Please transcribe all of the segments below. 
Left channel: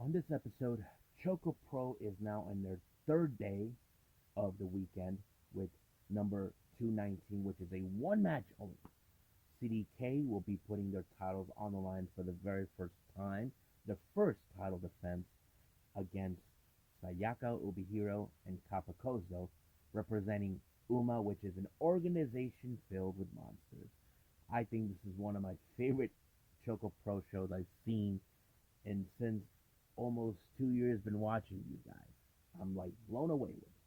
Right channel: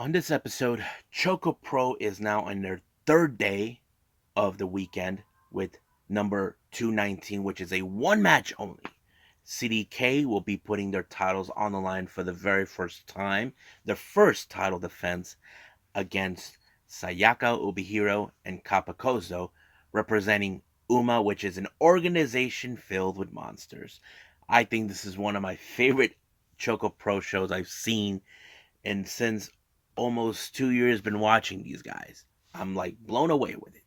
On this episode, ChocoPro is now on their third day of the weekend with number 219, which is a one match only. CDK will be putting their titles on the line for the very first time, their first title defense against Sayaka Ubihiro and Kapakozo, representing UMA, which is an organization filled with monsters. I think this is one of my favorite ChocoPro shows I've seen, and since almost 2 years been watching these guys, I'm like blown away with it.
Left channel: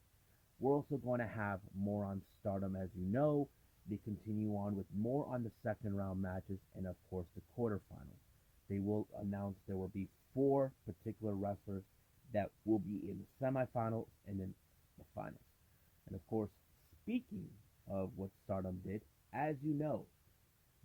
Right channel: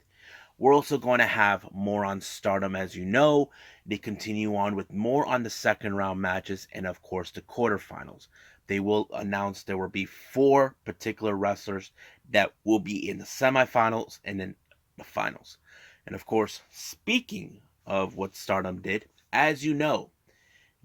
We're also going to have more on Stardom, as you know. They continue on with more on the second round matches and, of course, the quarterfinals. They will announce there will be four particular wrestlers that will be in the semifinals and then the finals. And, of course, speaking of what Stardom did, as you know,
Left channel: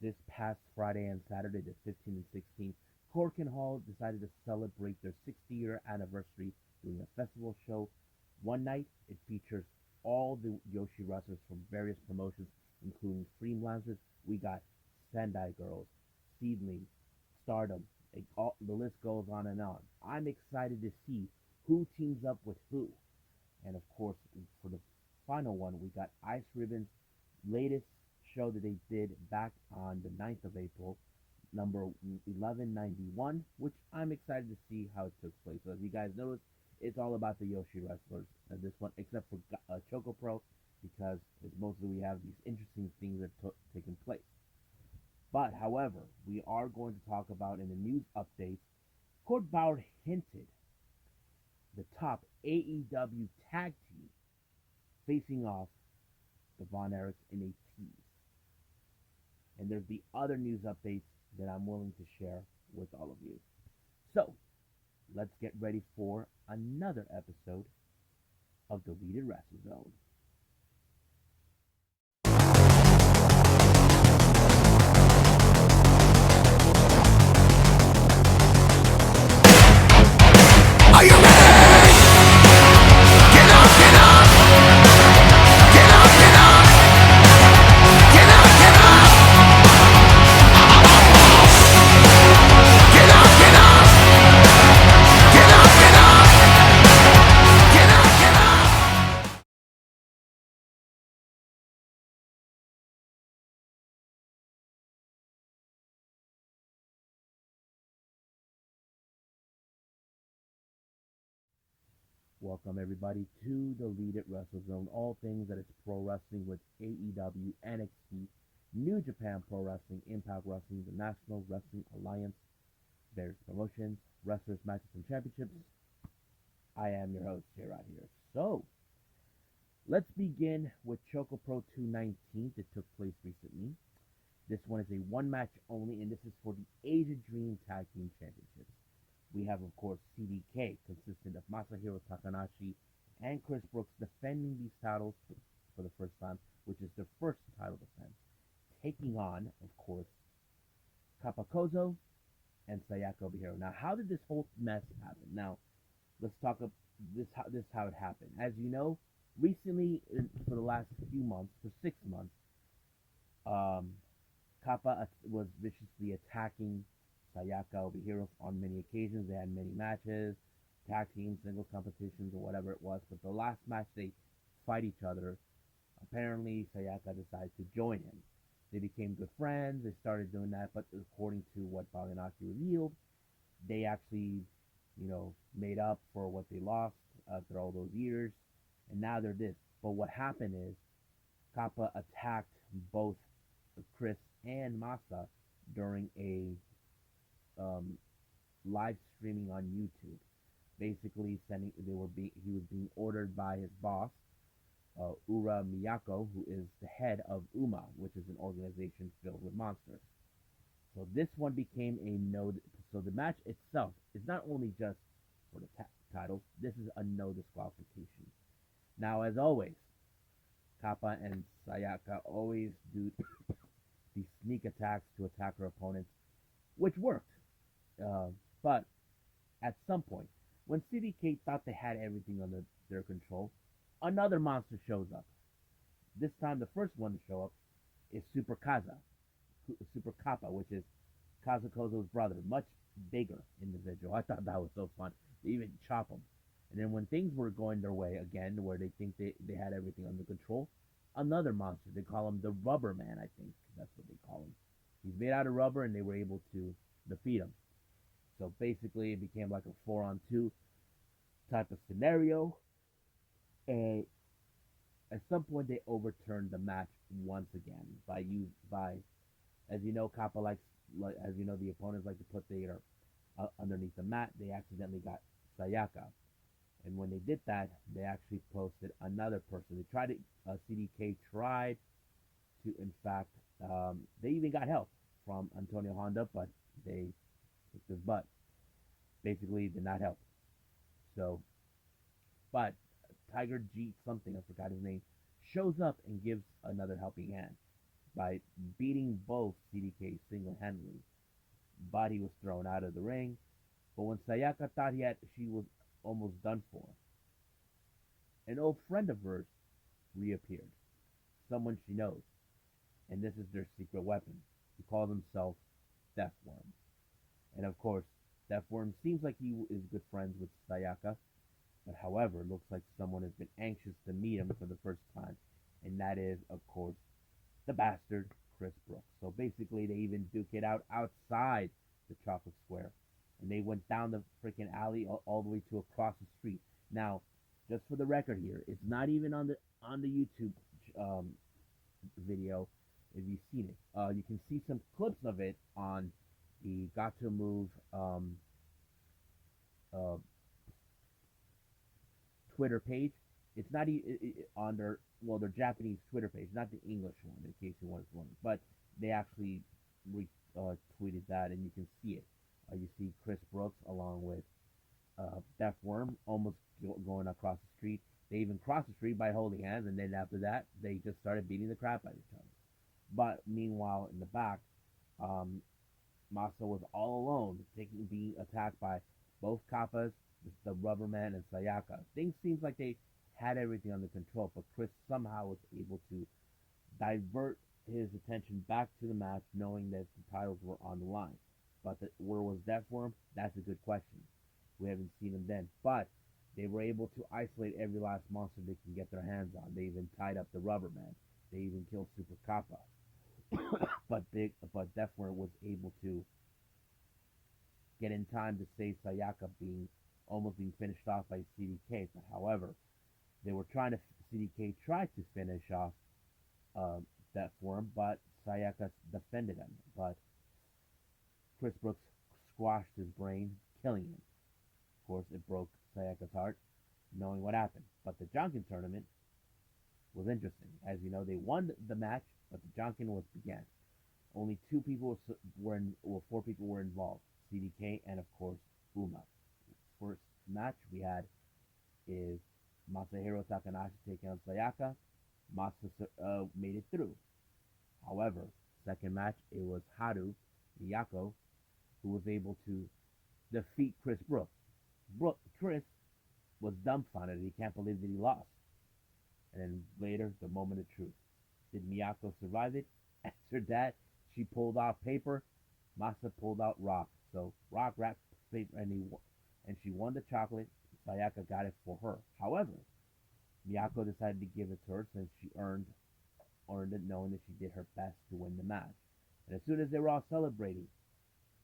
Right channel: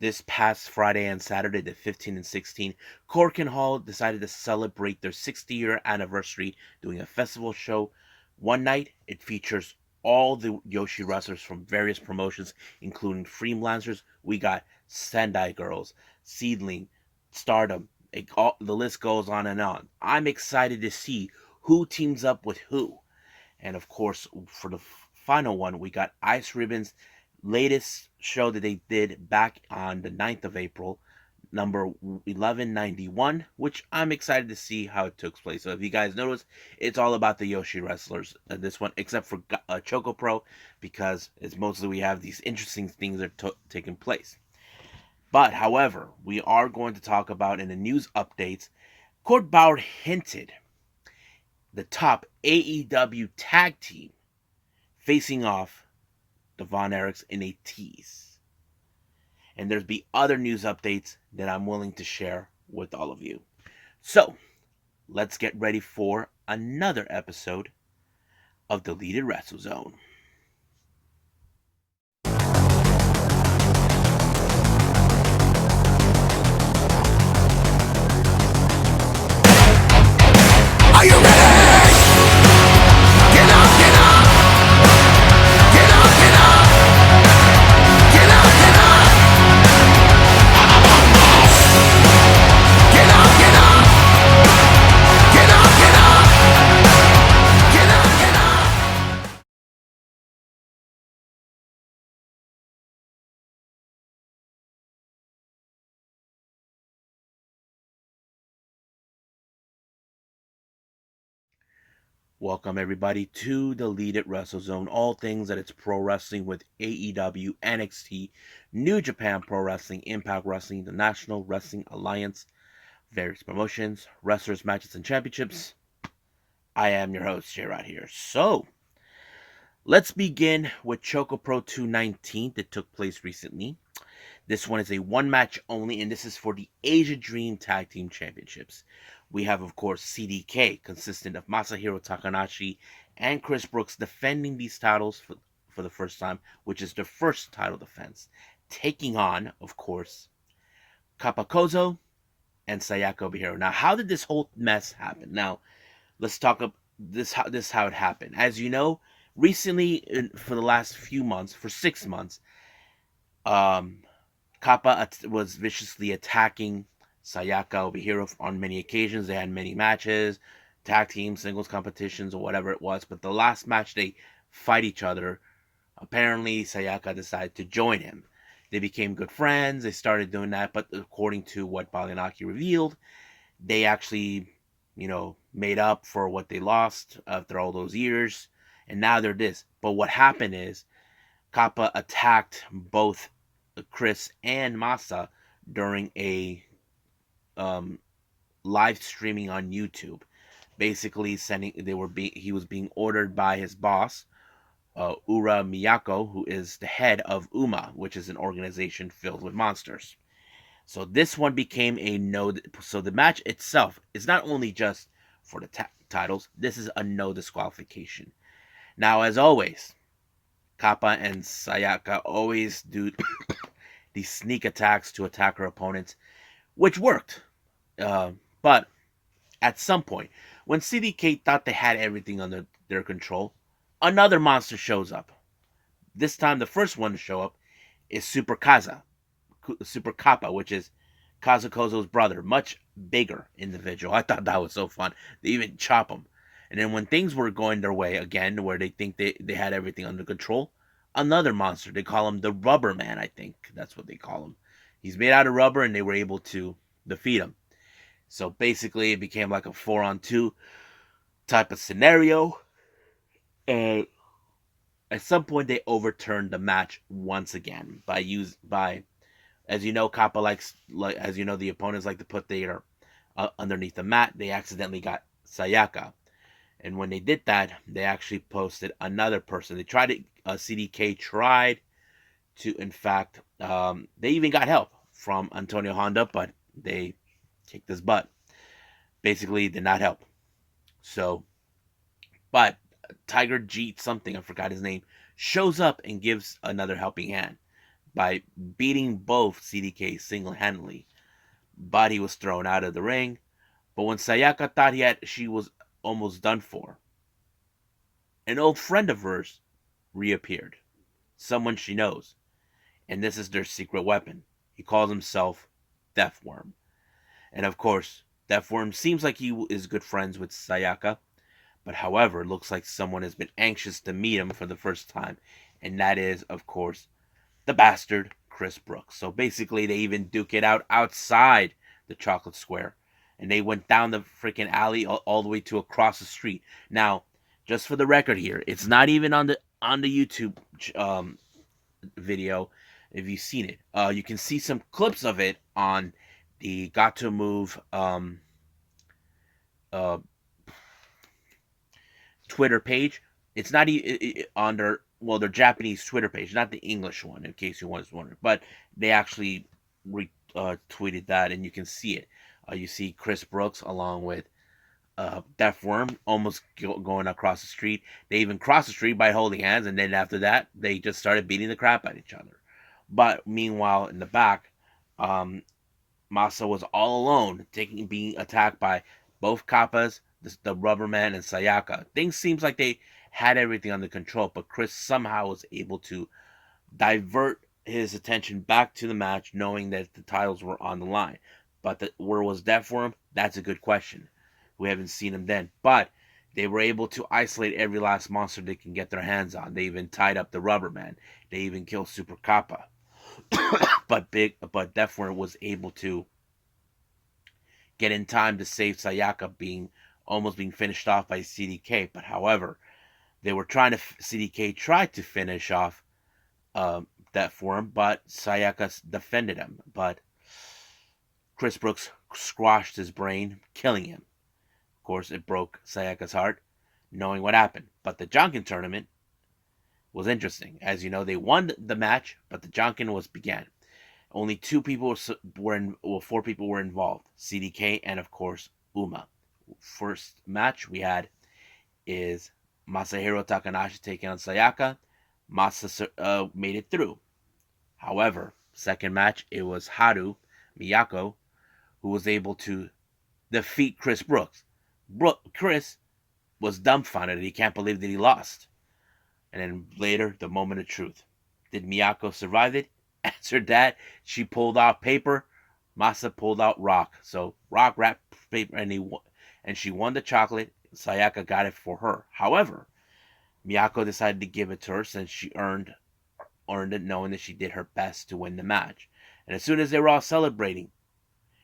this past Friday and Saturday, the 15 and 16, Korakuen Hall decided to celebrate their 60-year anniversary doing a festival show. One night, it features all the Joshi wrestlers from various promotions, including Freelancers. We got Sendai Girls, Seedling, Stardom. The list goes on and on. I'm excited to see who teams up with who. And of course, for the final one, we got Ice Ribbon's latest show that they did back on the 9th of April, number 1191, which I'm excited to see how it took place. So if you guys notice, it's all about the Joshi wrestlers, this one, except for ChocoPro, because it's mostly we have these interesting things that are taking place. But, however, we are going to talk about in the news updates, Court Bauer hinted the top AEW tag team facing off the Vin Erichs in a tease. And there's be other news updates that I'm willing to share with all of you. So, let's get ready for another episode of Deleted Wrestle Zone. Are you ready? Get up, get up! Get up, get up! Get up, get up! Get up, get up! Get up, get up! Get up, get up! Welcome everybody to the Deleted Wrestle Zone. All things that it's pro wrestling with AEW, NXT, New Japan Pro Wrestling, Impact Wrestling, the National Wrestling Alliance, various promotions, wrestlers, matches, and championships. I am your host, J-Rod here. So, let's begin with ChocoPro 219 that took place recently. This one is a one match only, and this is for the Asia Dream Tag Team Championships. We have, of course, CDK, consistent of Masahiro Takanashi and Chris Brooks, defending these titles for the first time, which is their first title defense, taking on, of course, Kapakozo and Sayaka Ubihiro. Now, how did this whole mess happen? Now, let's talk about this how it happened. As you know, recently, for the last few months, for 6 months, um, Kappa was viciously attacking Sayaka Ubihiro on many occasions. They had many matches, tag team, singles competitions, or whatever it was. But the last match they fight each other, apparently Sayaka decided to join him. They became good friends. They started doing that. But according to what Balinaki revealed, they actually, made up for what they lost after all those years. And now they're this. But what happened is Kappa attacked both Chris and Masa during a um, live streaming on YouTube. Basically, he was being ordered by his boss, Ura Miyako, who is the head of UMA, which is an organization filled with monsters. So this one became a no. So the match itself is not only just for the titles. This is a no disqualification. Now, as always, Kappa and Sayaka always do these sneak attacks to attack her opponents, which worked. But at some point, when CDK thought they had everything under their control, another monster shows up. This time, the first one to show up is Super Kappa, which is Kazukozo's brother, much bigger individual. I thought that was so fun. They even chop him. And then when things were going their way again, where they think they had everything under control, another monster. They call him the Rubber Man, I think. That's what they call him. He's made out of rubber, and they were able to defeat him. So basically, it became like a 4-on-2 type of scenario. And at some point, they overturned the match once again by as you know, Kappa likes as you know the opponents like to put their underneath the mat. They accidentally got Sayaka, and when they did that, they actually posted another person. They tried to CDK tried to, in fact, they even got help from Antonio Honda, but they kicked his butt. Basically, did not help. So, but Tiger Jeet something, I forgot his name, shows up and gives another helping hand by beating both CDK single handedly. But he was thrown out of the ring. But when Sayaka thought she was almost done for, an old friend of hers reappeared. Someone she knows. And this is their secret weapon. He calls himself Deathworm. And of course, Deathworm seems like he is good friends with Sayaka, but however, looks like someone has been anxious to meet him for the first time, and that is, of course, the bastard Chris Brooks. So basically, they even duke it out outside the chocolate square, and they went down the freaking alley all the way to across the street. Now, just for the record here, it's not even on the YouTube video. If you've seen it, you can see some clips of it on the Got to Move uh, Twitter page. It's not on their Japanese Twitter page, not the English one, in case you was wondering. But they actually tweeted that, and you can see it. You see Chris Brooks along with Deathworm almost going across the street. They even crossed the street by holding hands, and then after that, they just started beating the crap out of each other. But meanwhile, in the back, um, Masa was all alone, being attacked by both Kappas, the Rubberman, and Sayaka. Things seems like they had everything under control, but Chris somehow was able to divert his attention back to the match, knowing that the titles were on the line. But where was that for him? That's a good question. We haven't seen him then, but they were able to isolate every last monster they can get their hands on. They even tied up the Rubberman. They even killed Super Kappa. but Deathworm was able to get in time to save Sayaka almost being finished off by CDK. But however, they were trying to CDK tried to finish off Deathworm, but Sayaka defended him. But Chris Brooks squashed his brain, killing him. Of course, it broke Sayaka's heart, knowing what happened. But the Jonkin tournament was interesting. As you know, they won the match, but the Jonkin was began. Only four people were involved: CDK and of course Uma. First match we had is Masahiro Takanashi taking on Sayaka. Masa made it through. However, second match it was Haru Miyako who was able to defeat Chris Brooks. Chris was dumbfounded. He can't believe that he lost. And then later, the moment of truth. Did Miyako survive it? Answered that. She pulled out paper. Masa pulled out rock. So rock wrapped paper, and she won the chocolate. Sayaka got it for her. However, Miyako decided to give it to her since she earned it, knowing that she did her best to win the match. And as soon as they were all celebrating,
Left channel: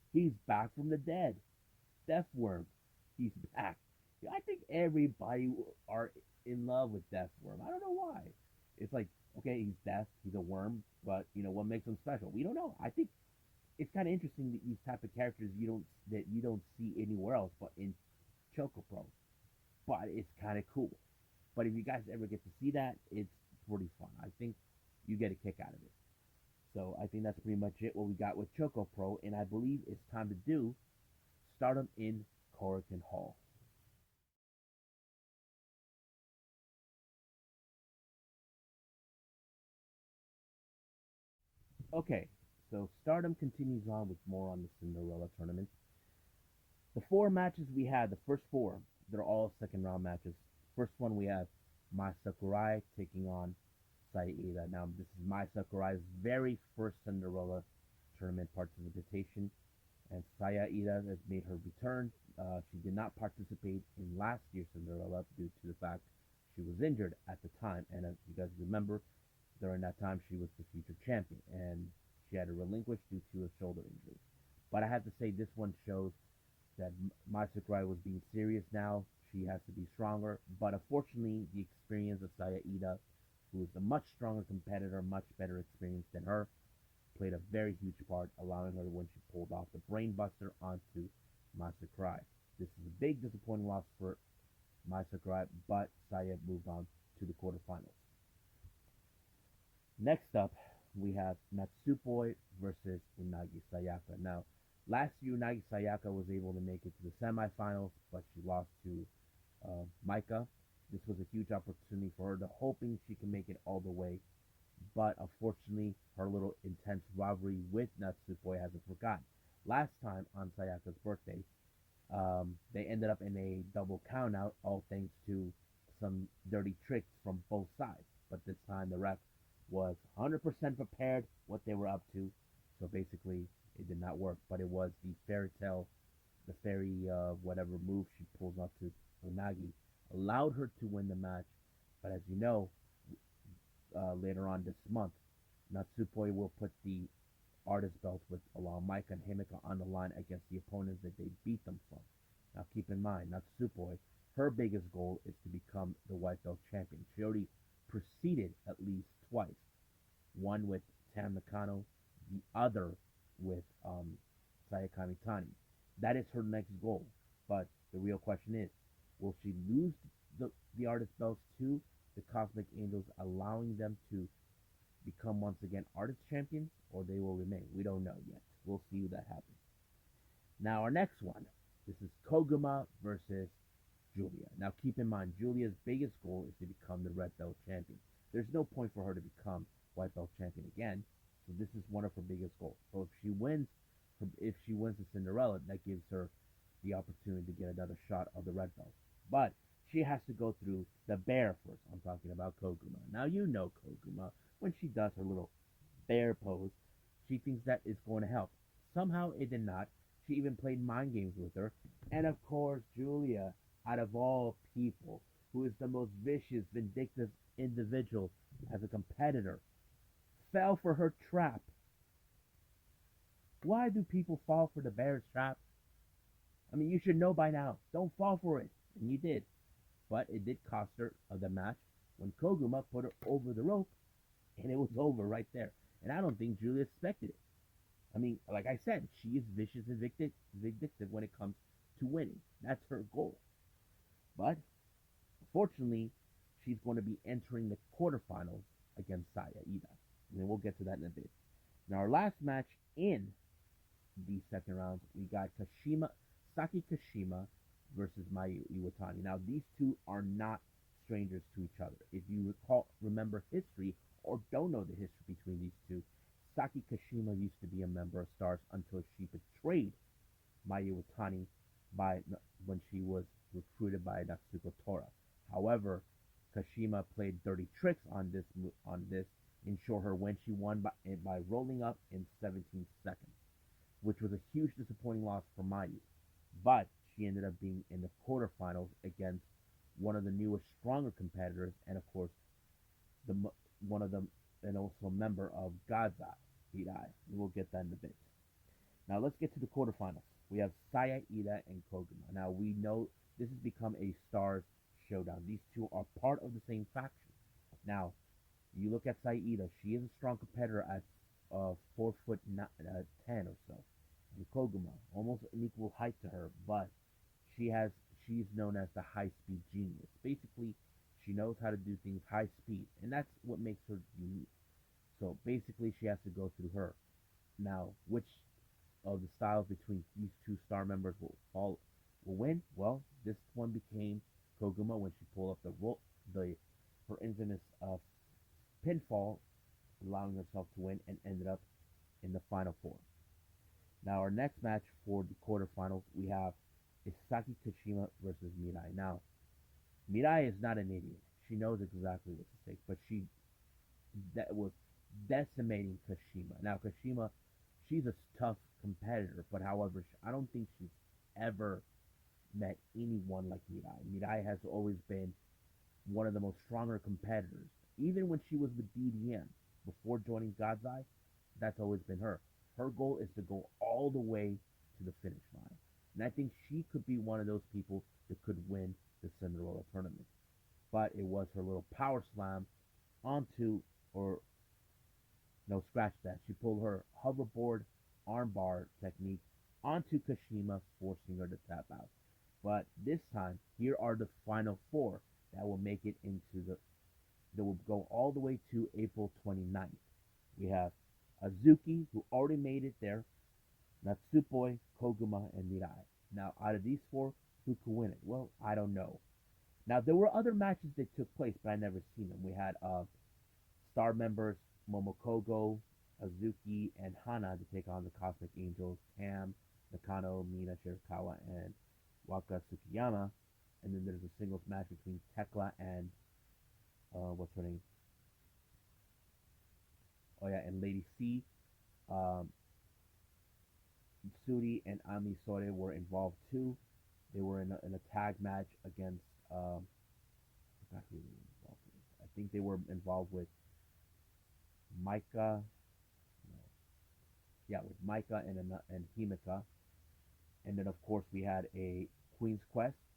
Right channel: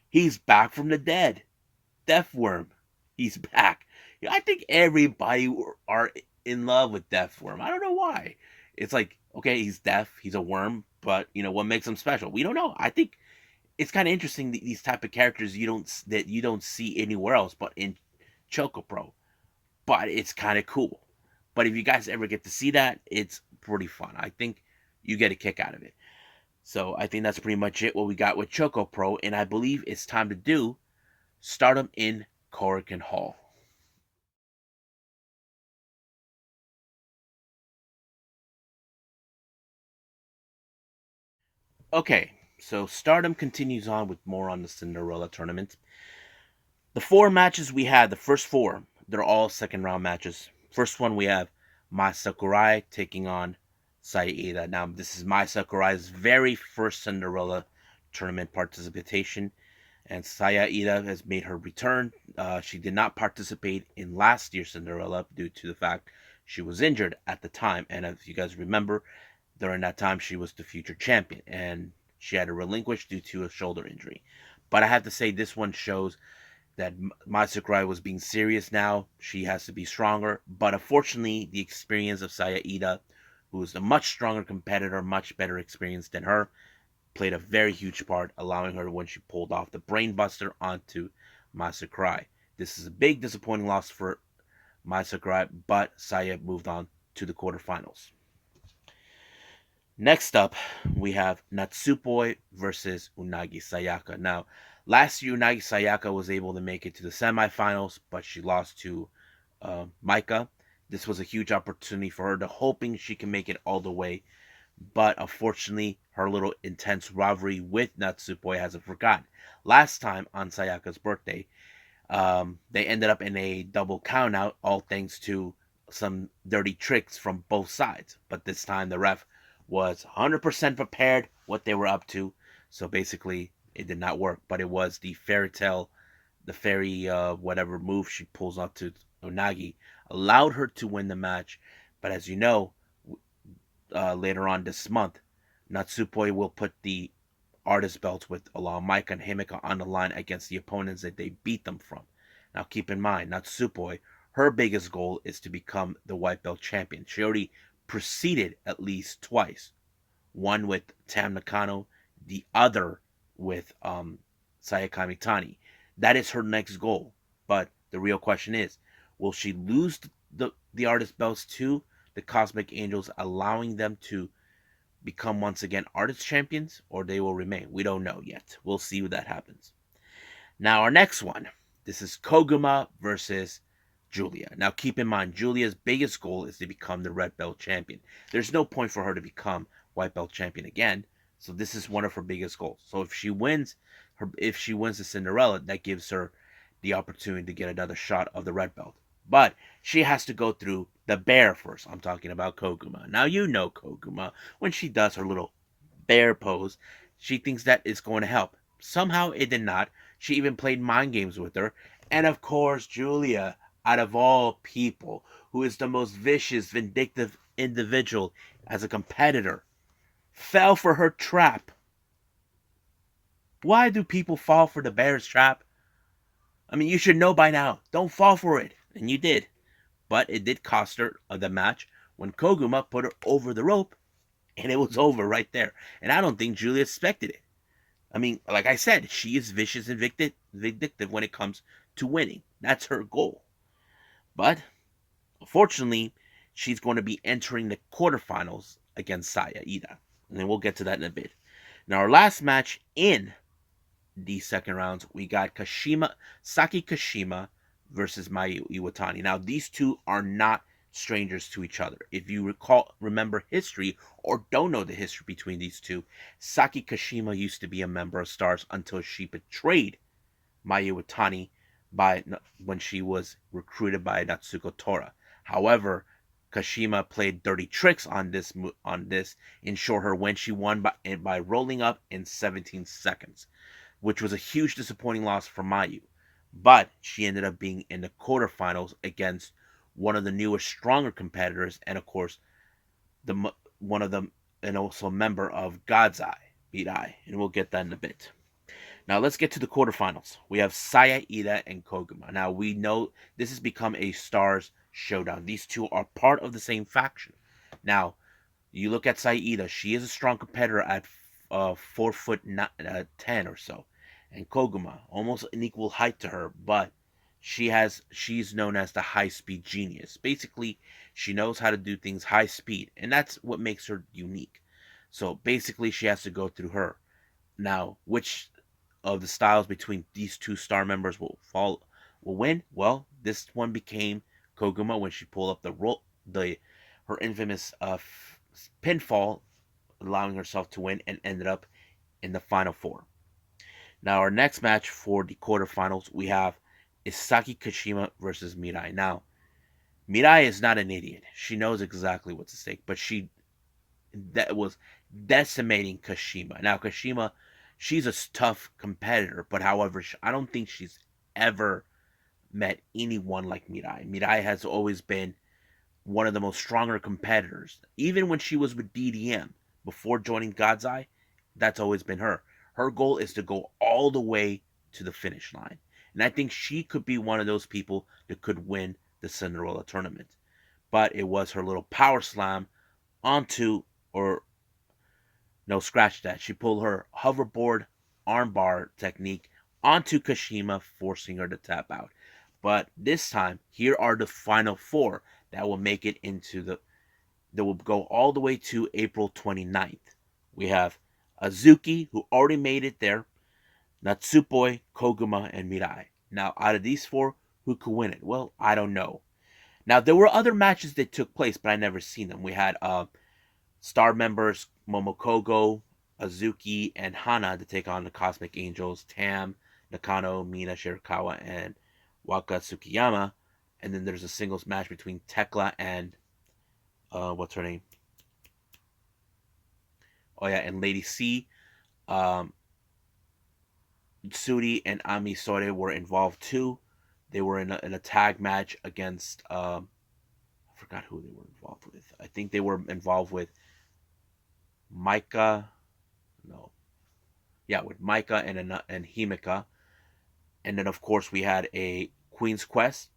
he's back from the dead. Deathworm. He's back. I think everybody are in love with Deathworm. I don't know why. It's like, okay, he's deaf, he's a worm, but what makes him special? We don't know. I think it's kind of interesting these type of characters you don't see anywhere else but in ChocoPro. But it's kind of cool. But if you guys ever get to see that, it's pretty fun. I think you get a kick out of it. So I think that's pretty much it what we got with ChocoPro, and I believe it's time to do Stardom in Korakuen Hall. Okay, so Stardom continues on with more on the Cinderella Tournament. The four matches we had, the first four, they're all second round matches. First one we have Mai Sakurai taking on Saida. Now, this is Mai Sakurai's very first Cinderella Tournament participation. And Saya Ida has made her return. She did not participate in last year's Cinderella due to the fact she was injured at the time. And if you guys remember, during that time she was the future champion, and she had to relinquish due to a shoulder injury. But I have to say, this one shows that Mai Sakurai was being serious now. She has to be stronger. But unfortunately, the experience of Saya Ida, who is a much stronger competitor, much better experience than her, played a very huge part, allowing her when she pulled off the brainbuster onto Mai Sakurai. This is a big disappointing loss for Mai Sakurai, but Saya moved on to the quarterfinals. Next up, we have Natsupoi versus Unagi Sayaka. Now, last year Unagi Sayaka was able to make it to the semifinals, but she lost to Maika. This was a huge opportunity for her to hoping she can make it all the way, but unfortunately, her little intense rivalry with Natsupoi hasn't forgotten. Last time on Sayaka's birthday, they ended up in a double countout, all thanks to some dirty tricks from both sides. But this time, the ref was 100% prepared what they were up to. So basically, it did not work. But it was the fairy tale, the fairy whatever move she pulls off to Onagi, allowed her to win the match. But as you know, later on this month, Natsupoi will put the artist belts with allow Maika and Himeka on the line against the opponents that they beat them from. Now keep in mind, Natsupoi, her biggest goal is to become the white belt champion. She already preceded at least twice. One with Tam Nakano, the other with Sayaka Mitani. That is her next goal. But the real question is, will she lose the artist belts to the Cosmic Angels, allowing them to become once again artist champions, or they will remain? We don't know yet. We'll see what that happens. Now, our next one. This is Koguma versus Julia. Now, keep in mind, Julia's biggest goal is to become the red belt champion. There's no point for her to become white belt champion again. So this is one of her biggest goals. So if she wins the Cinderella, that gives her the opportunity to get another shot of the red belt. But she has to go through the bear first. I'm talking about Koguma. Now you know Koguma. When she does her little bear pose, she thinks that it's going to help. Somehow it did not. She even played mind games with her. And of course, Julia, out of all people, who is the most vicious, vindictive individual as a competitor, fell for her trap. Why do people fall for the bear's trap? I mean, you should know by now. Don't fall for it. And you did. But it did cost her the match when Koguma put her over the rope, and it was over right there. And I don't think Julia expected it. I mean, like I said, she is vicious and vindictive when it comes to winning. That's her goal. But unfortunately, she's going to be entering the quarterfinals against Saya Ida. And then we'll get to that in a bit. Now, our last match in the second rounds, we got Saki Kashima versus Mayu Iwatani. Now, these two are not strangers to each other. If you remember history, or don't know the history between these two, Saki Kashima used to be a member of Stars until she betrayed Mayu Iwatani when she was recruited by Natsuko Tora. However, Kashima played dirty tricks on this ensure her when she won by rolling up in 17 seconds, which was a huge disappointing loss for Mayu. But she ended up being in the quarterfinals against one of the newest, stronger competitors, and of course, one of them, and also a member of God's Eye, Mirai, and we'll get that in a bit. Now let's get to the quarterfinals. We have Saya Ida and Koguma. Now we know this has become a Stars showdown. These two are part of the same faction. Now you look at Saya Ida; she is a strong competitor at 4'10" or so, and Koguma almost an equal height to her, but she's known as the high speed genius. Basically, she knows how to do things high speed, and that's what makes her unique. So basically, she has to go through her. Now, which of the styles between these two star members will win? Well, this one became Koguma when she pulled up her infamous pinfall, allowing herself to win, and ended up in the final four. Now, our next match for the quarterfinals, we have Saki Kashima versus Mirai. Now, Mirai is not an idiot. She knows exactly what's at stake, but that was decimating Kashima. Now, Kashima she's a tough competitor, but however, I don't think she's ever met anyone like Mirai. Mirai has always been one of the most stronger competitors. Even when she was with DDM before joining God's Eye, that's always been her. Her goal is to go all the way to the finish line. And I think she could be one of those people that could win the Cinderella tournament. But it was her little power slam onto, or no, scratch that. She pulled her hoverboard armbar technique onto Kashima, forcing her to tap out. But this time, here are the final four that will make it into that will go all the way to April 29th. We have Azuki, who already made it there, Natsupoi, Koguma, and Mirai. Now, out of these four, who could win it? Well, I don't know. Now, there were other matches that took place, but I never seen them. We had Star members Momokogo, Azuki, and Hana to take on the Cosmic Angels, Tam, Nakano, Mina Shirakawa, and Waka Tsukiyama. And then there's a singles match between Tekla and what's her name? Oh yeah, and Lady C. Um, Suri and Ami Sore were involved too. They were in a tag match against I forgot who they were involved with. I think they were involved with Micah. No, yeah, with Micah and Himika, and then of course we had a Queen's Quest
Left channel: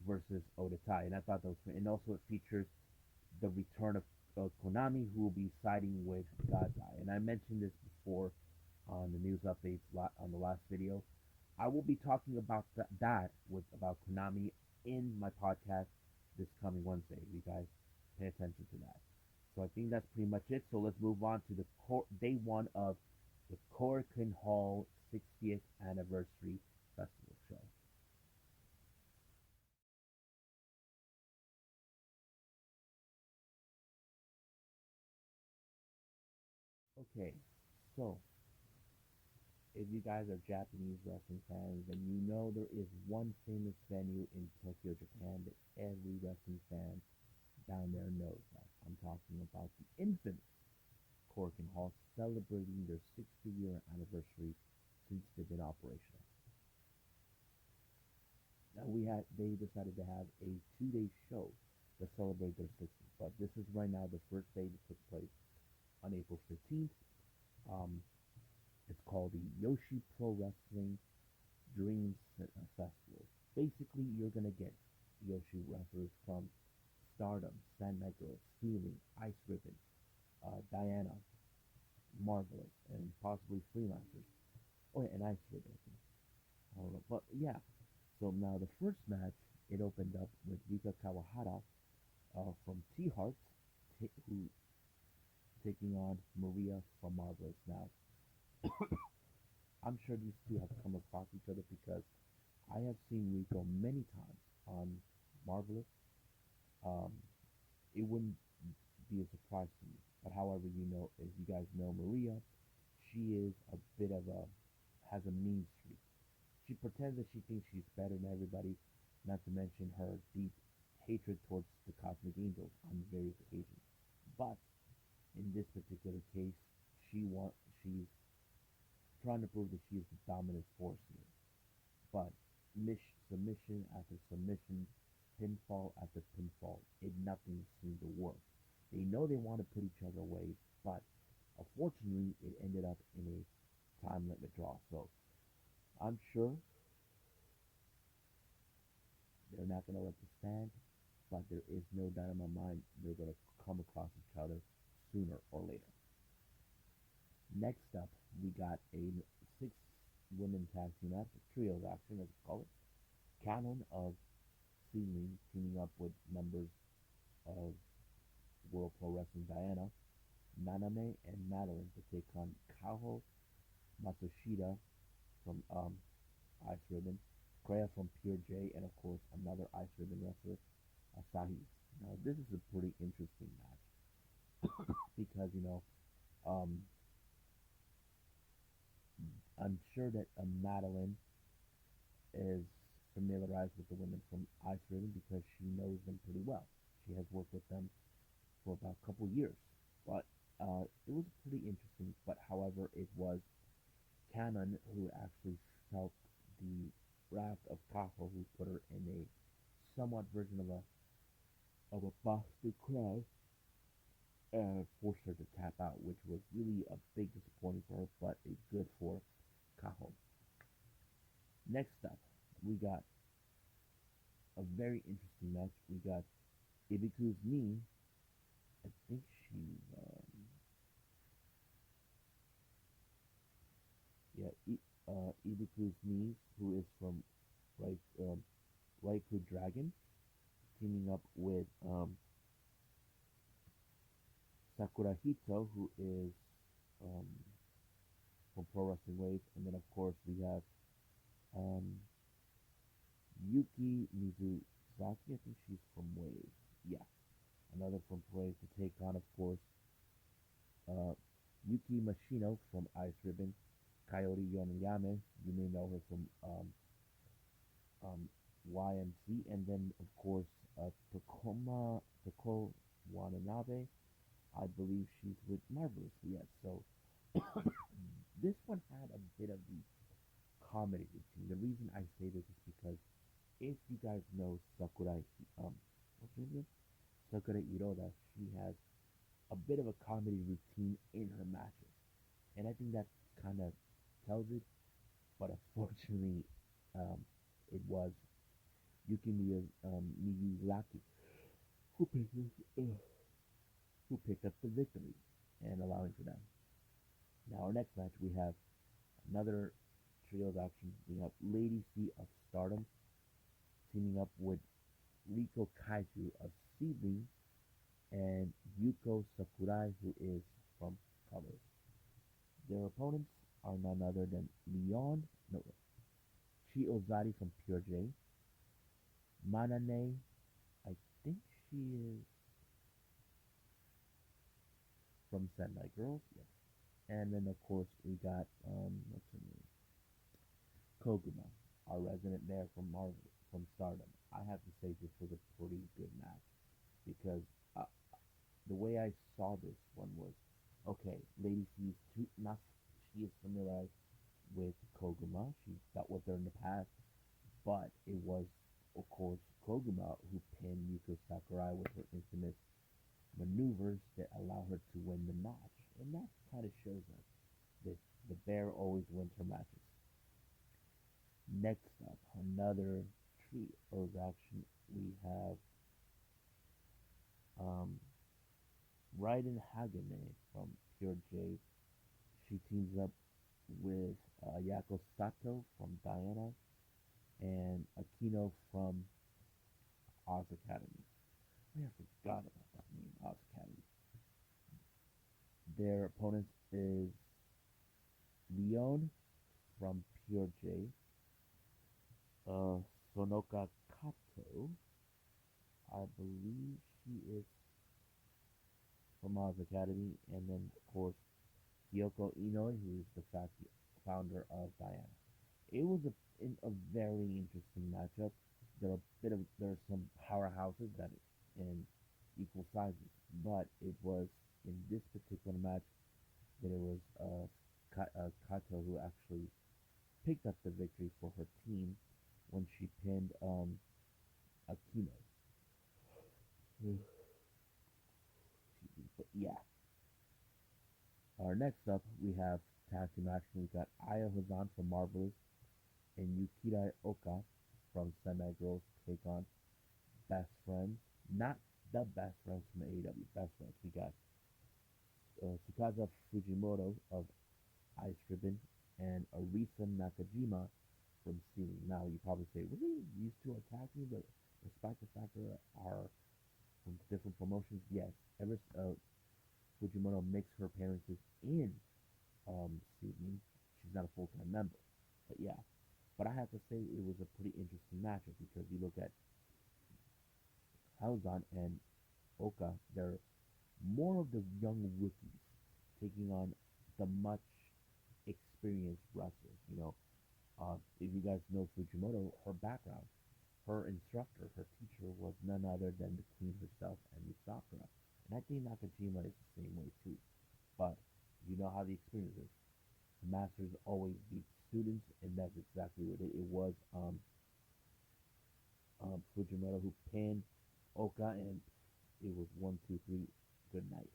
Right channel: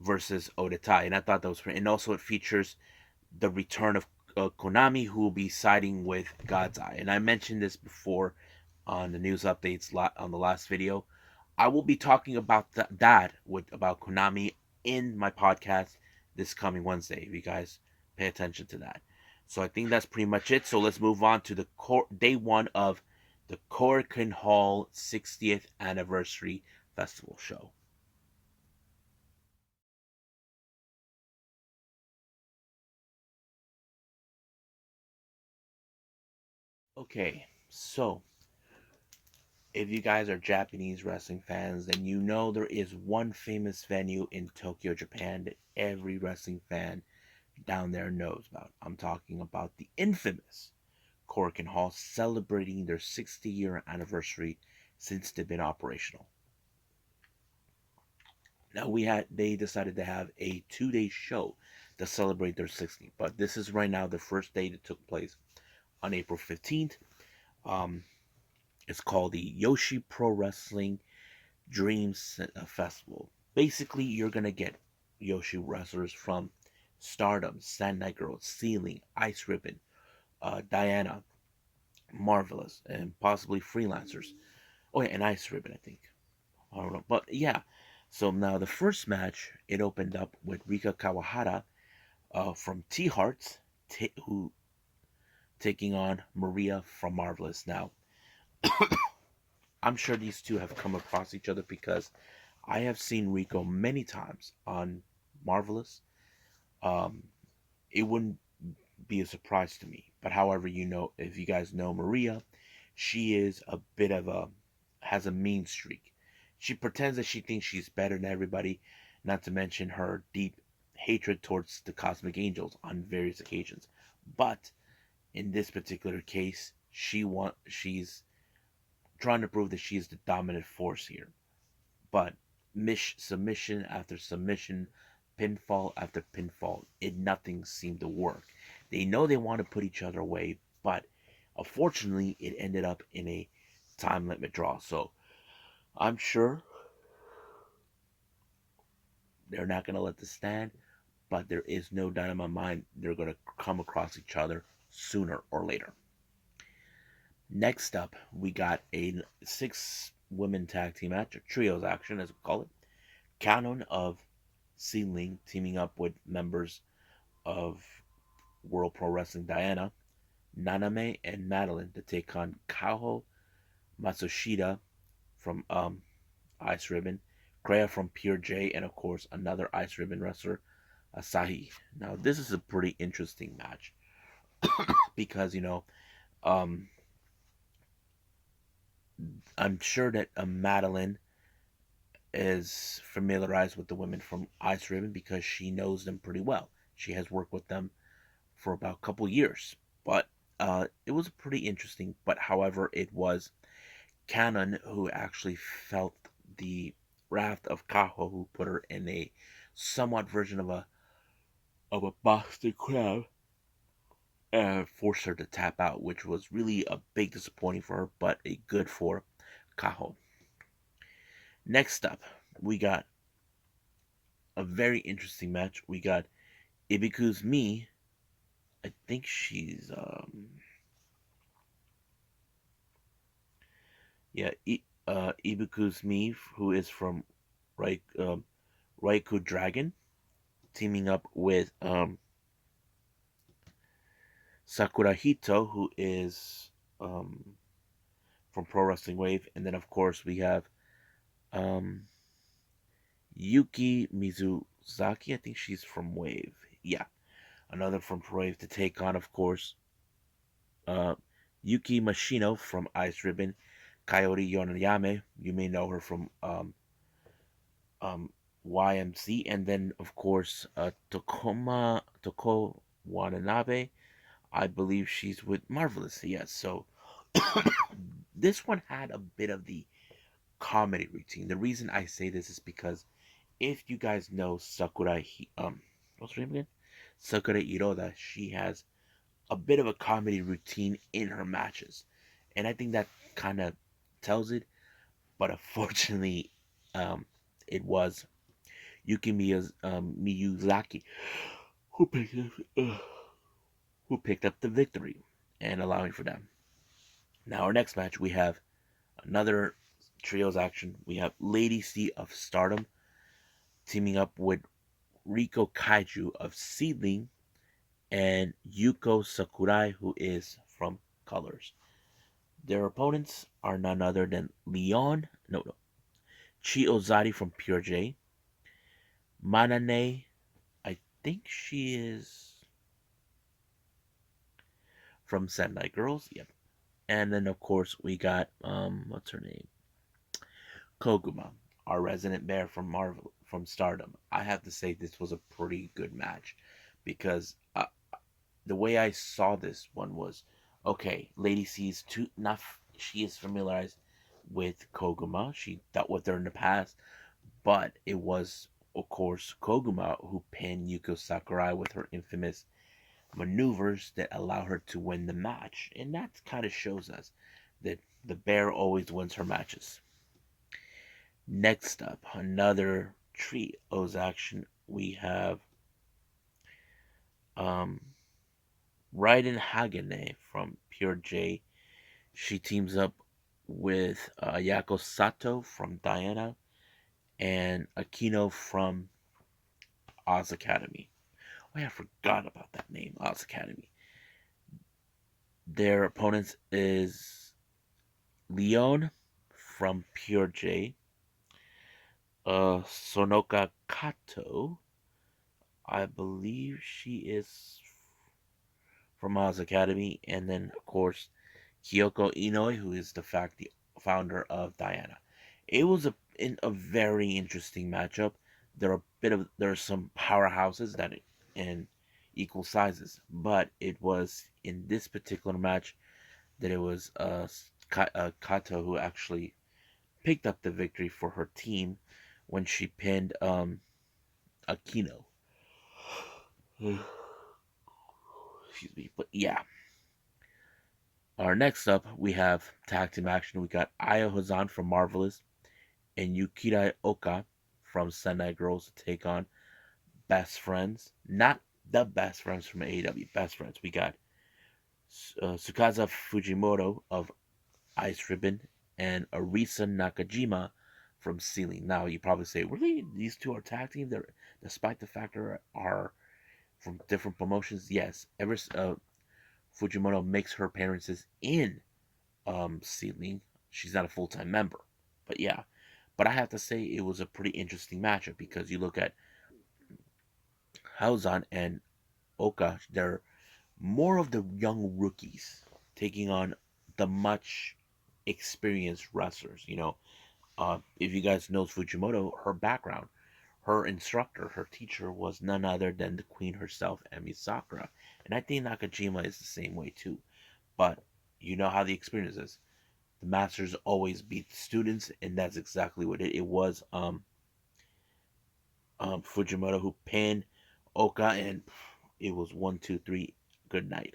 versus Odetai, and I thought that was pretty. And also it features the return of Konami, who will be siding with God's Eye. And I mentioned this before on the news updates on the last video. I will be talking about that with about Konami in my podcast this coming Wednesday. If you guys pay attention to that. So I think that's pretty much it. So let's move on to the day one of the Korakuen Hall 60th anniversary festival show. Okay, so if you guys are Japanese wrestling fans, then you know there is one famous venue in Tokyo, Japan that every wrestling fan down there knows about. I'm talking about the infamous Korakuen Hall, celebrating their 60-year anniversary since they've been operational. Now they decided to have a 2-day show to celebrate their 60th, but this is right now the first day that took place on April 15th. Um, it's called the Joshi Pro Wrestling Dreams Festival. Basically, you're gonna get Joshi wrestlers from Stardom, Sand Girl, Ceiling, Ice Ribbon, Diana, Marvelous, and possibly freelancers. Oh yeah, and Ice Ribbon, I think. I don't know, but yeah. So now the first match, it opened up with Rika Kawahara from T Hearts, who taking on Maria from Marvelous. Now, I'm sure these two have come across each other because I have seen Rico many times on Marvelous. Um, it wouldn't be a surprise to me. But however, if you guys know Maria, she is a bit of a has a mean streak. She pretends that she thinks she's better than everybody, not to mention her deep hatred towards the Cosmic Angels on various occasions. But in this particular case, she's trying to prove that she's the dominant force here. But submission after submission, pinfall after pinfall, nothing seemed to work. They know they want to put each other away, but unfortunately, it ended up in a time limit draw. So I'm sure they're not going to let this stand, but there is no doubt in my mind they're going to come across each other sooner or later. Next up, we got a 6-women tag team match, or trios action as we call it. Canon of Sealing teaming up with members of World Pro Wrestling Diana, Naname, and Madeline to take on Kaho Matsushita from Ice Ribbon, Kreia from Pure J, and of course another Ice Ribbon wrestler, Asahi. Now this is a pretty interesting match because um, I'm sure that Madeline is familiarized with the women from Ice Ribbon because she knows them pretty well. She has worked with them for about a couple years, but it was pretty interesting. But however, it was Canon, who actually felt the wrath of Kaho, who put her in a somewhat version of a Boston crab and forced her to tap out, which was really a big disappointing for her, but a good for Kaho. Next up, we got a very interesting match. We got Ibiku's Me. I think she's yeah, Ibiku's Me, who is from right Raikou Dragon, teaming up with Sakura Hito, who is um, from Pro Wrestling Wave, and then of course we have um, Yuki Mizuzaki. I think she's from Wave. Yeah, another from Pro Wave to take on, of course, uh, Yuki Mashino from Ice Ribbon, Coyote Yonayame. You may know her from um, YMC, and then of course Toko Watanabe. I believe she's with Marvelous. Yes, so this one had a bit of the comedy routine. The reason I say this is because if you guys know what's her name again? Sakura Iroda, she has a bit of a comedy routine in her matches, and I think that kind of tells it. But unfortunately, um, it was Miyazaki who picked up, who picked up the victory and allowing for them. Now, our next match, we have another trios action. We have Lady C of Stardom teaming up with Riko Kaiju of Seedling and Yuko Sakurai, who is from Colors. Their opponents are none other than Chi Ozari from Pure J, Manane, I think she is from Sendai Girls, yep. And then of course we got what's her name? Koguma, our resident bear from Marvel from Stardom. I have to say this was a pretty good match because the way I saw this one was okay. Lady C is too not. She is familiarized with Koguma. She dealt with her in the past, but it was of course Koguma who pinned Yuko Sakurai with her infamous maneuvers that allow her to win the match, and that kind of shows us that the bear always wins her matches. Next up, another trios action. We have um, Raiden Hagane from Pure J. She teams up with Ayako Sato from Diana and Akino from Oz Academy. Oh, yeah, I forgot about that name, Oz Academy. Their opponents is Leon from Pure J, Sonoka Kato. I believe she is from Oz Academy, and then of course Kyoko Inoi, who is the founder of Diana. It was a very interesting matchup. There are some powerhouses that in equal sizes, but it was in this particular match that it was Kato who actually picked up the victory for her team when she pinned Akino. Excuse me, but yeah. Our next up, we have tag team action. We got Aya Hazan from Marvelous and Yukira Oka from Sendai Girls to take on Best Friends. Not the Best Friends from AEW, Best Friends. We got Sukaza Fujimoto of Ice Ribbon and Arisa Nakajima from Ceiling. Now, you probably say, really? These two are tag team? Despite the fact they are from different promotions? Yes. Fujimoto makes her appearances in Seedling. She's not a full time member. But yeah. But I have to say it was a pretty interesting matchup because you look at Hauzan and Oka, they're more of the young rookies taking on the much experienced wrestlers. If you guys know Fujimoto, her background, her instructor, her teacher was none other than the queen herself, Emi Sakura. And I think Nakajima is the same way too. But you know how the experience is. the masters always beat the students, and that's exactly what it was. Fujimoto who pinned Oka, and it was 1, 2, 3. Good night.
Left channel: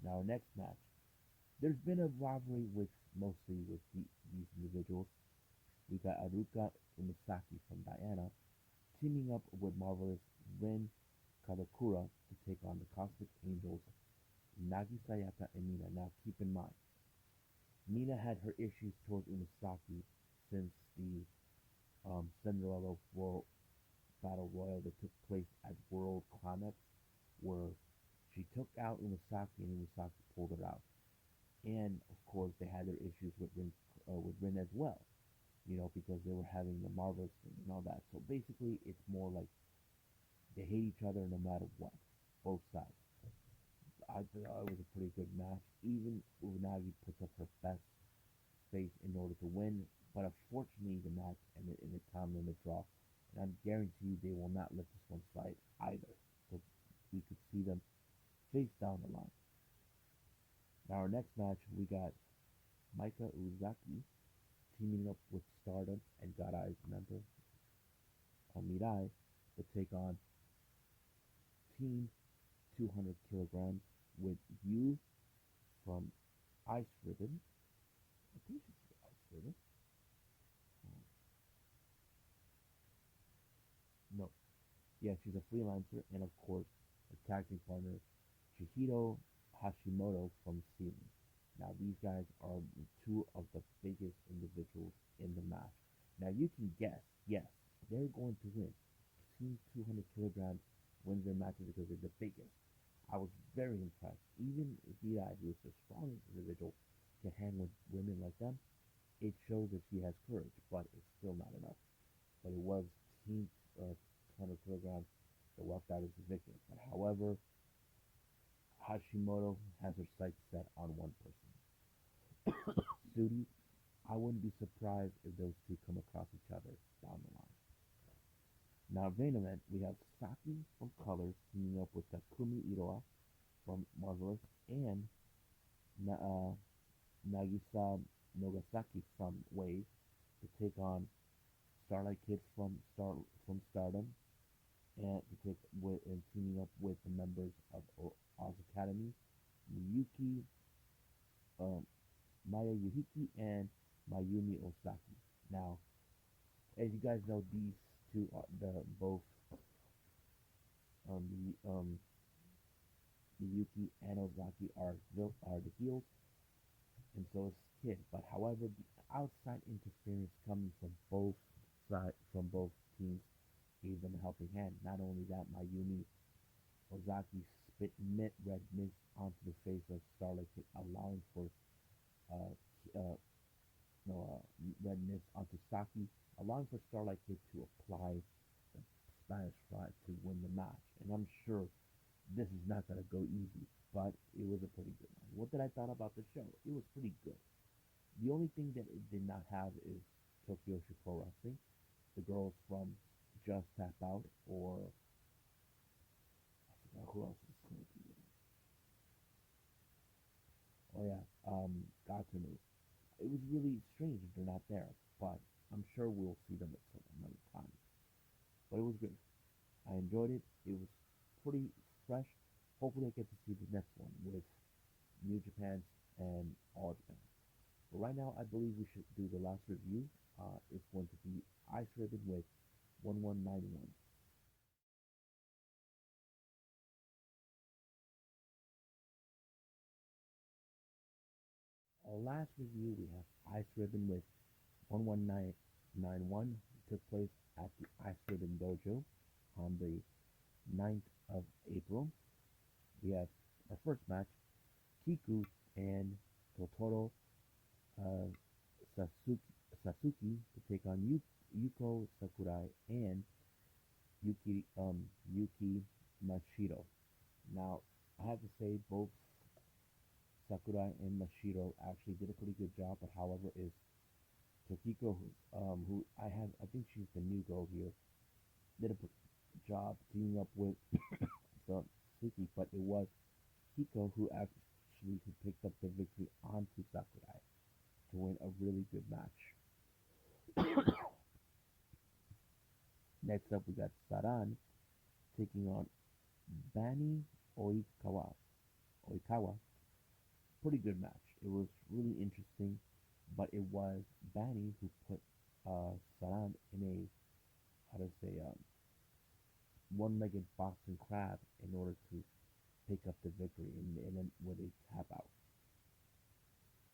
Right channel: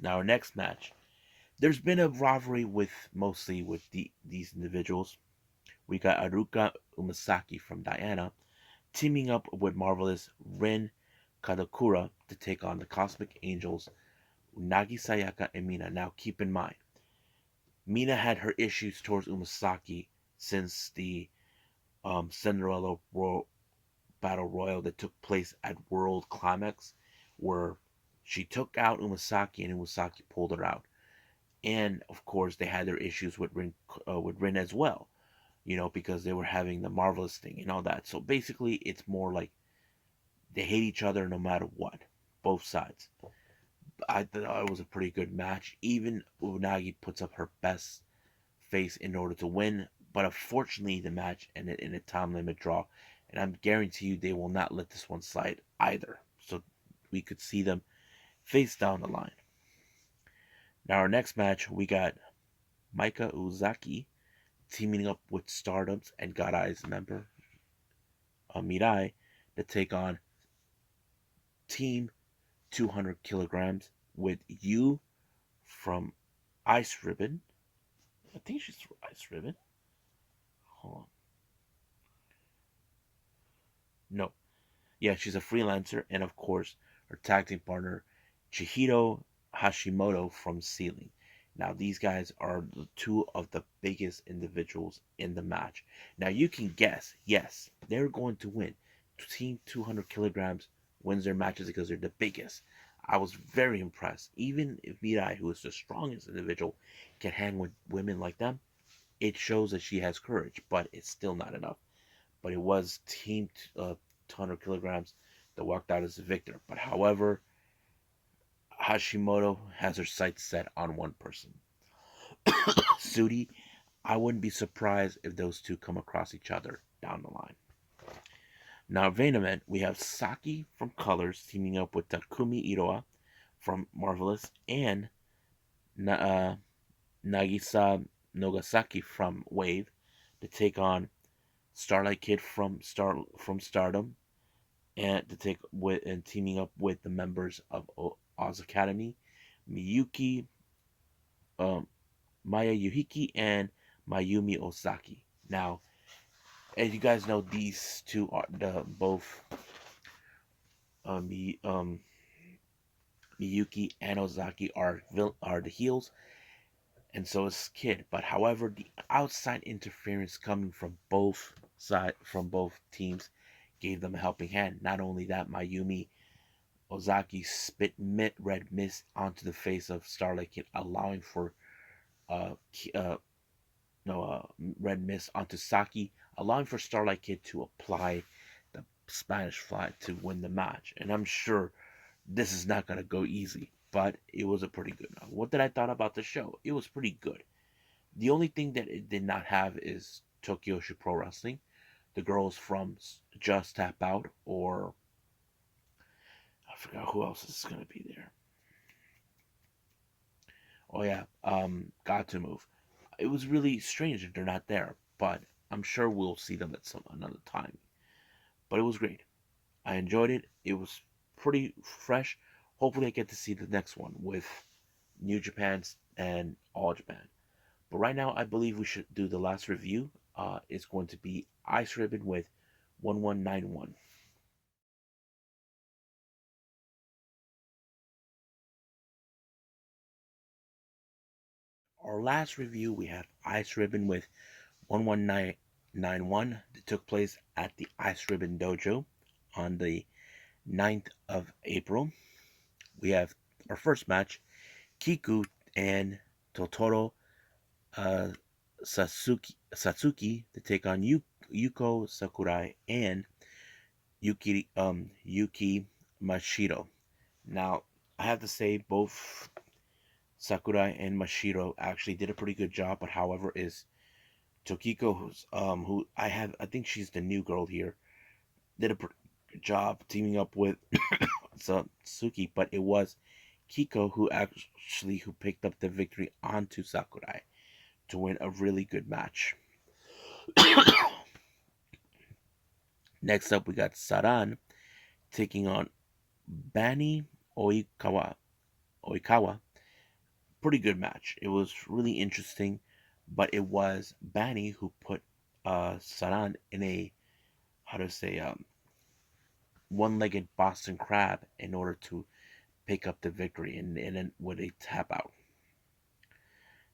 Now our next match. There's been a rivalry with mostly with these individuals. We got Aruka Umasaki from Diana teaming up with marvelous Rin Kadokura to take on the Cosmic Angels, Unagi Sayaka and Mina. Now keep in mind, Mina had her issues towards Umasaki since the Cinderella Battle Royal that took place at World Climax, where she took out Umasaki and Umasaki pulled her out. And of course, they had their issues with Rin as well, because they were having the marvelous thing and all that. So basically, it's more like they hate each other no matter what, both sides. I thought it was a pretty good match. Even Unagi puts up her best face in order to win, but unfortunately, the match ended in a time limit draw, and I'm guarantee you they will not let this one slide either. So we could see them face down the line. Now, our next match, we got Maika Uzaki teaming up with Stardom's and Godai's member Mirai to take on Team 200 kilograms with you from Ice Ribbon. I think she's from Ice Ribbon. Hold on. No. Yeah, she's a freelancer, and of course, her tag team partner, Chihiro Hashimoto from Ceiling. Now, these guys are the two of the biggest individuals in the match. Now, you can guess, yes, they're going to win. Team 200 kilograms wins their matches because they're the biggest. I was very impressed. Even if Mirai, who is the strongest individual, can hang with women like them, it shows that she has courage, but it's still not enough. But it was Team 200 kilograms that walked out as the victor. But however, Hashimoto has her sights set on one person. Sudi, I wouldn't be surprised if those two come across each other down the line. Now, main event, we have Saki from Colors teaming up with Takumi Iroha from Marvelous and Nagisa Nogasaki from Wave to take on Starlight Kid from Stardom and to take with and teaming up with the members of Oz Academy, Miyuki, um, Maya Yuhiki, and Mayumi Osaki. Now, as you guys know, these two are the both Miyuki and Ozaki are the heels, and so is Kid. But however, the outside interference coming from both teams gave them a helping hand. Not only that, Mayumi Ozaki spit red mist onto the face of Starlight Kid, allowing for uh, uh no red mist onto Saki, allowing for Starlight Kid to apply the Spanish Fly to win the match. And I'm sure this is not gonna go easy, but it was a pretty good one. What did I thought about the show? It was pretty good. The only thing that it did not have is Tokyo Pro Wrestling. The girls from Just Tap Out, or I forgot who else is gonna be there. Oh yeah, Got to Move. It was really strange that they're not there, but I'm sure we'll see them at some another time. But it was great. I enjoyed it. It was pretty fresh. Hopefully, I get to see the next one with New Japan's and All Japan. But right now, I believe we should do the last review. It's going to be Ice Ribbon with 1191. Our last review, we have Ice Ribbon with 11991 that took place at the Ice Ribbon Dojo on the 9th of April. We have our first match, Kiku and Totoro uh, Satsuki to take on Yuko Sakurai and Yuki Mashiro. Now, I have to say both Sakurai and Mashiro actually did a pretty good job, but however is Tokiko, I think she's the new girl here, did a pretty good job teaming up with Satsuki, but it was Kiko who Lashley, who picked up the victory onto Sakurai to win a really good match. Next up, we got Saran taking on Bani Oikawa. Oikawa. Pretty good match. It was really interesting, but it was Bani who put Saran in a, how to say, one-legged Boston Crab in order to pick up the victory and with a tap out.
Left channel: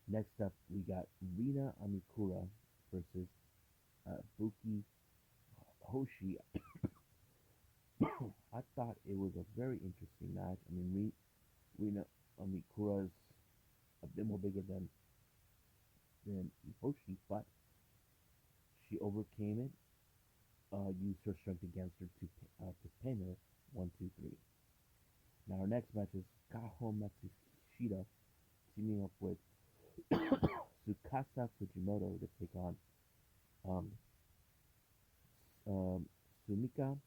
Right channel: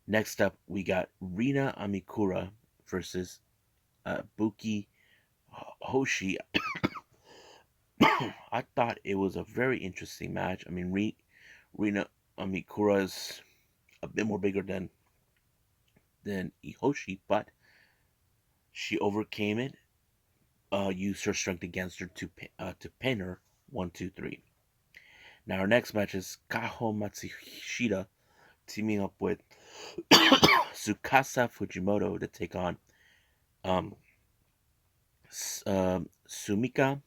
Next up, we got Rina Amikura versus Buki Hoshi. I thought it was a very interesting match. I mean, Rina Amikura is a bit more bigger than Ihoshi, but she overcame it. Used her strength against her to pin her 1, 2, 3. Now our next match is Kaho Matsushita teaming up with Tsukasa Fujimoto to take on um, Sumika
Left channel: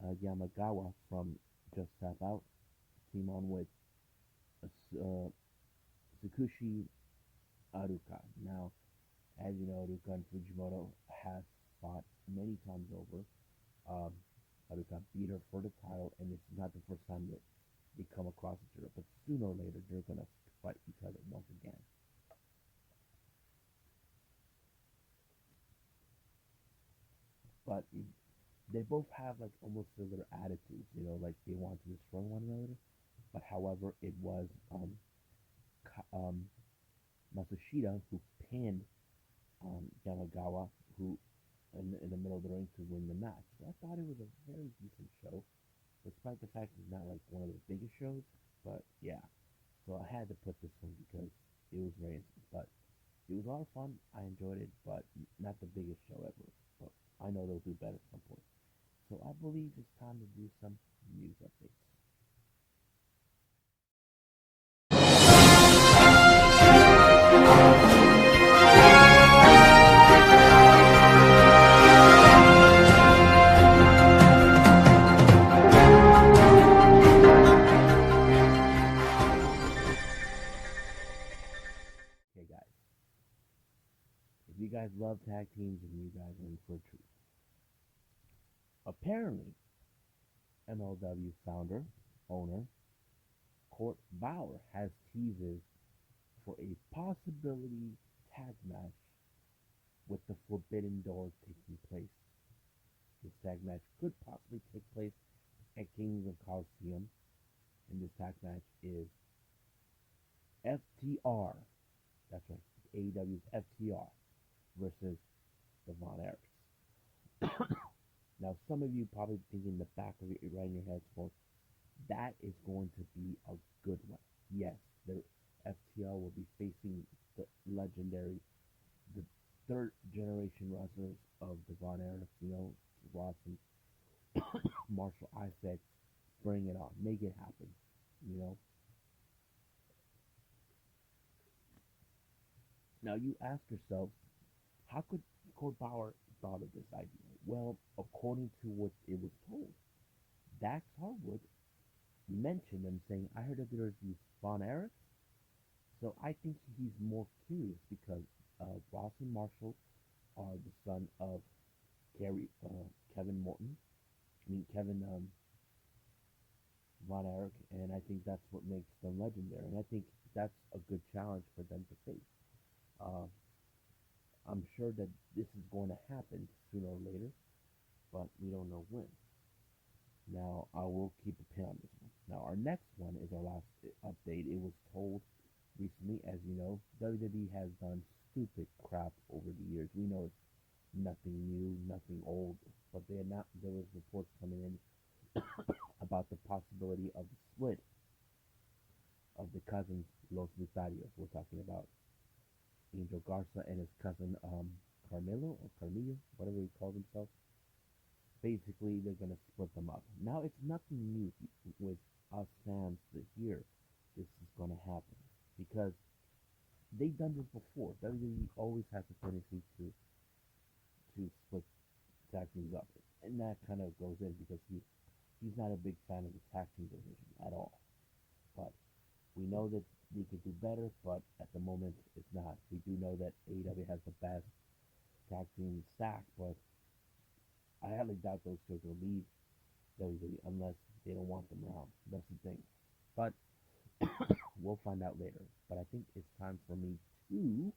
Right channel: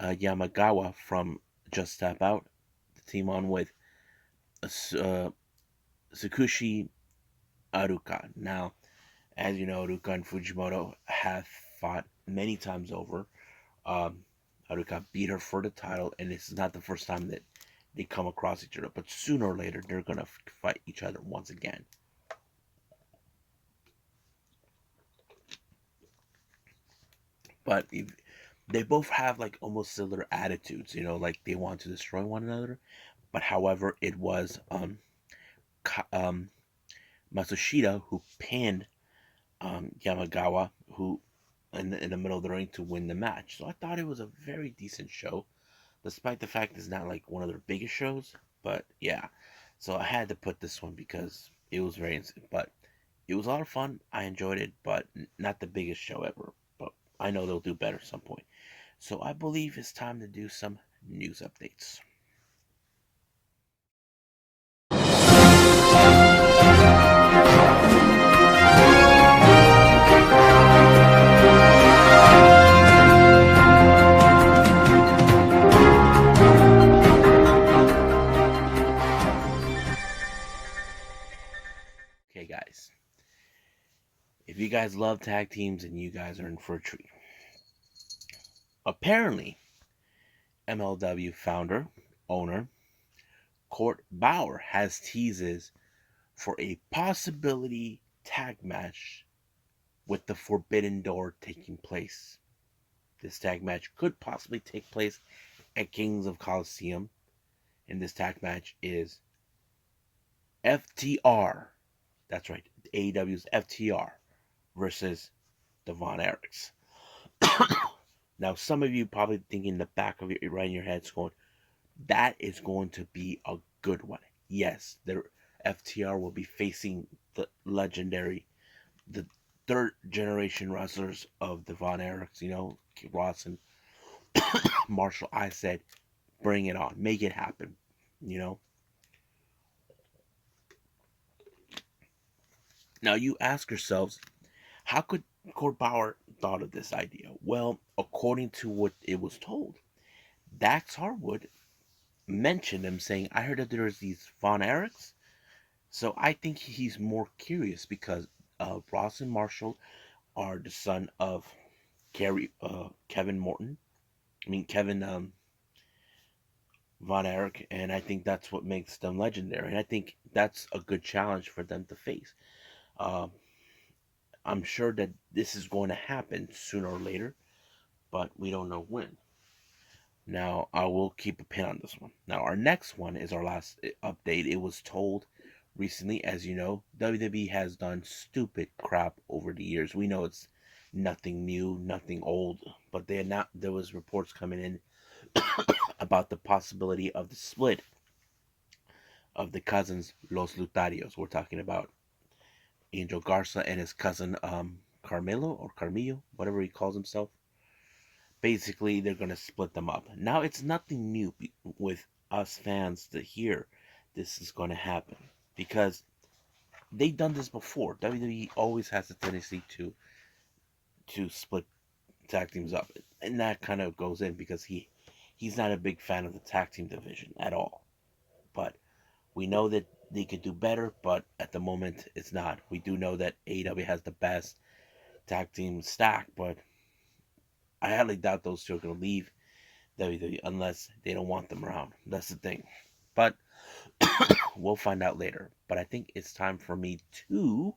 Yamagawa from Just Tap Out to team on with uh, Tsukushi Aruka. Now, as you know, Aruka and Fujimoto have fought many times over. Um, Aruka beat her for the title, and this is not the first time that they come across each other. But sooner or later, they're gonna fight each other once again. But if, they both have like almost similar attitudes, like they want to destroy one another. But however, it was Matsushita who pinned Yamagawa, who in the middle of the ring to win the match. So I thought it was a very decent show, despite the fact it's not like one of their biggest shows. But yeah, so I had to put this one because it was very instant. But it was a lot of fun. I enjoyed it, but not the biggest show ever. But I know they'll do better at some point. So I believe it's time to do some news updates. Okay, guys. If you guys love tag teams, and you guys are in for a treat. Apparently, MLW founder, owner, Court Bauer has teases for a possibility tag match with the Forbidden Door taking place. This tag match could possibly take place at Kings of Colosseum, and this tag match is FTR. That's right, AEW's FTR versus the Von Erichs. Now, some of you probably thinking in the back of your right in your heads, going, "That is going to be a good one." Yes, the FTR will be facing the legendary, the third generation wrestlers of the Von Erichs. Ross and Marshall. I said, bring it on, make it happen. You know. Now you ask yourselves, how could Court Bauer thought of this idea? Well, according to what it was told, Dax Harwood mentioned him saying, "I heard that there's these Von Erichs." So I think he's more curious because Ross and Marshall are the son of Kevin Morton. I mean Kevin Von Erich, and I think that's what makes them legendary. And I think that's a good challenge for them to face. Um, I'm sure that this is going to happen sooner or later, but we don't know when. Now, I will keep a pin on this one. Now, our next one is our last update. It was told recently, as you know, WWE has done stupid crap over the years. We know it's nothing new, nothing old, but there was reports coming in about the possibility of the split of the cousins Los Lutarios. We're talking about Angel Garza and his cousin Carmelo or Carmillo, whatever he calls himself. Basically, they're going to split them up. Now, it's nothing new with us fans to hear this is going to happen because they've done this before. WWE always has a tendency to split tag teams up, and that kind of goes in because he's not a big fan of the tag team division at all. But We know that they could do better, but at the moment it's not. We do know that AEW has the best tag team stack, but I highly doubt those two are going to leave WWE unless they don't want them around. That's the thing. But we'll find out later. But I think it's time for me to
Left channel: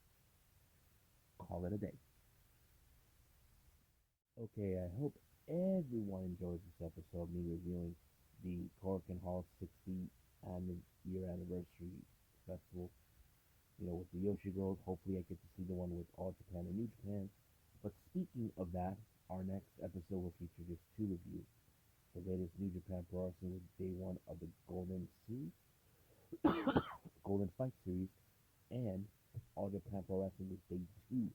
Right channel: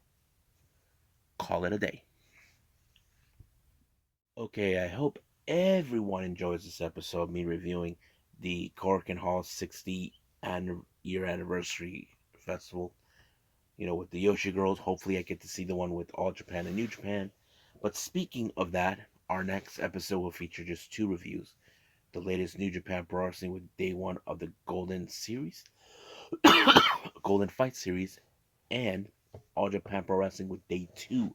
call it a day. Okay, I hope everyone enjoys this episode, me reviewing the Korakuen Hall 60 year anniversary festival. With the Joshi girls. Hopefully, I get to see the one with All Japan and New Japan. But speaking of that, our next episode will feature just two reviews: the latest New Japan Pro Wrestling with day one of the Golden Series, Golden Fight Series, and All Japan Pro Wrestling with day two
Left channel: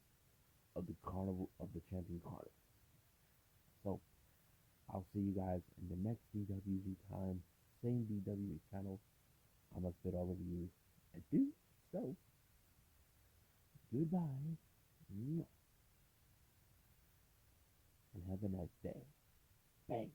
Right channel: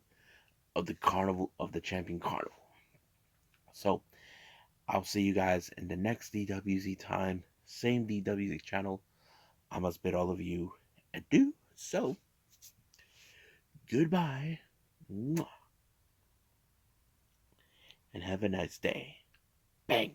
of the Carnival of the Champion Carnival. So I'll see you guys in the next DWZ time, same DWZ channel. I must bid all of you adieu. So goodbye, and have a nice day. Bang.